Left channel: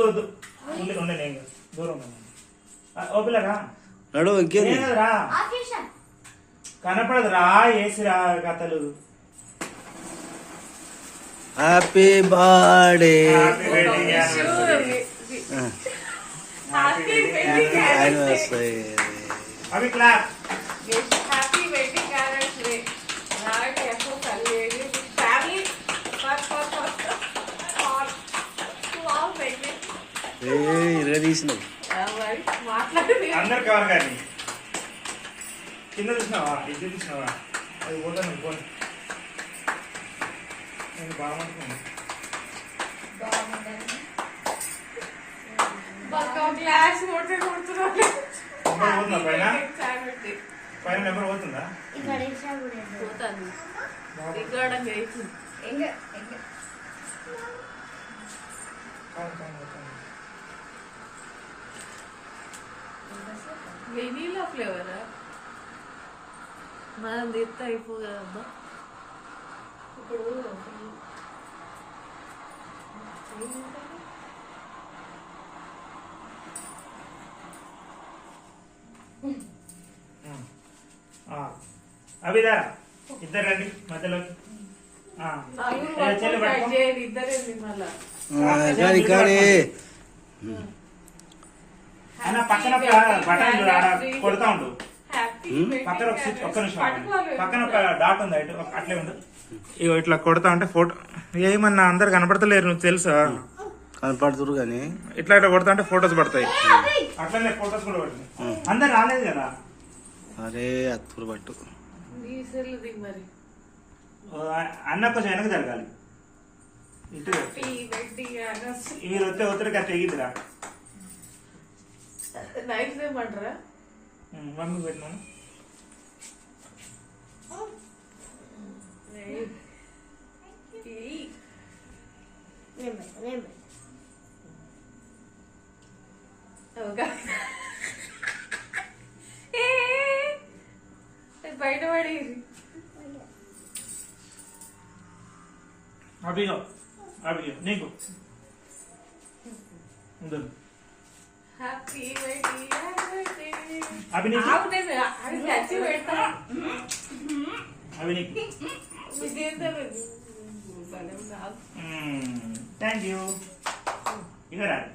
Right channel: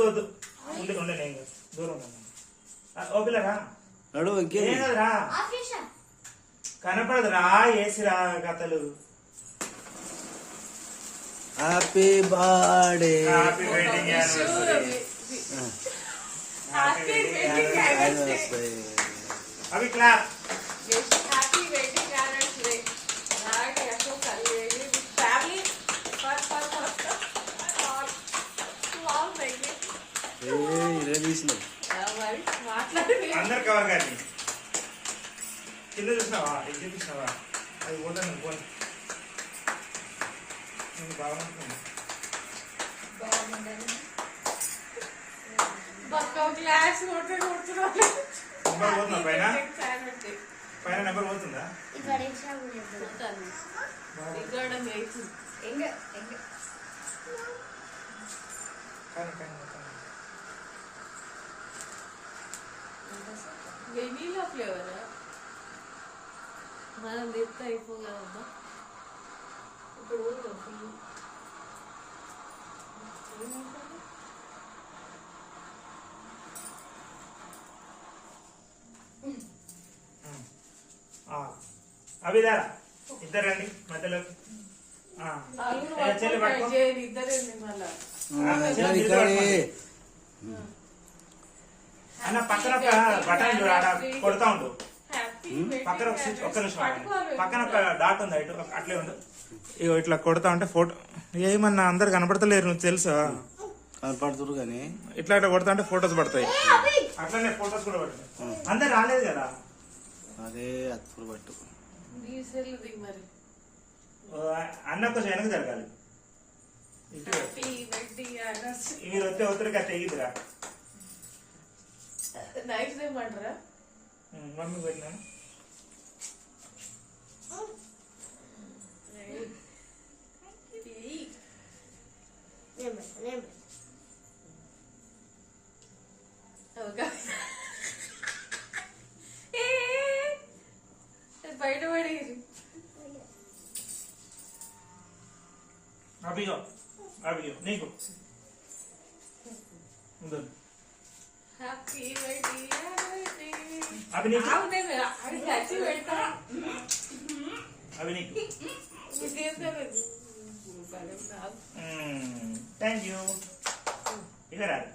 వద్దు వద్దు ఉండే ఉండే నేను దూరం ఓ పిల్లరా నడు ఇంకేం కదరా కనపడదురా ఏసిరా కథలు. హ్యాపీ బర్త్డే యానివర్సరీ అవి క్లాస్ హ్యాపీ వెడ్డింగ్ యానివర్సరీ నాటి ఎక్కో కలిగేది ఫ్యామిలీ ఇరగా తీసినావు అందరు కవర్ కానీ కింద చూసినావా ఇది చూసినావా అది పోతాను పోను నేను బాగుంటున్నాను క్లాస్ పోతుందా పైన పైన నెంబర్ పోతుందా పోతాను ఇక్కడ వెనీలా ఫ్లేవరా మనం తీస్తే అయిపోగలమ్మా ఇప్పుడు అభిదారా ఇద్దరు రండి మధ్యలోకి ఇద్దరేంది మళ్ళా అన్న పక్కన ఒక బటన్ కొడతా ఉండు పక్కన ఒక స్విచ్ ఒక్క నిమిషం పక్కన ఒక డాట్ ఉంది ఇటు అట్లే ఉండు ఇగో ఇట్లా కొడతా ఉంటే ఫోటో ఏమన్నా అందరు కనపడతలేరు నువ్వు తెలుసా కనపడుతురు కానీ ఇట్లా ఇట్లా కొడతా ఉంటే ఫొటోస్ పడతాయి అట్లనే ఫొటోస్ కూడా పడతాయి అందరు రాలేదు కదా అరే అత్తురు పట్టు మరి అన్న కొంచెం వెనక జరగాలి ఇటు మీరు వస్తే ఒత్తిడికి తెగిద్దిరా నైట్ ఏమంటారా మమ్మీ పెట్టినాను బయట పడి అభిగో అభిగో నీకు హ్యాపీ వెడ్డింగ్ అభి నీకు అది ఖర్చు పెడతా అభి నీకు థ్యాంక్ యూ ఇక రాదు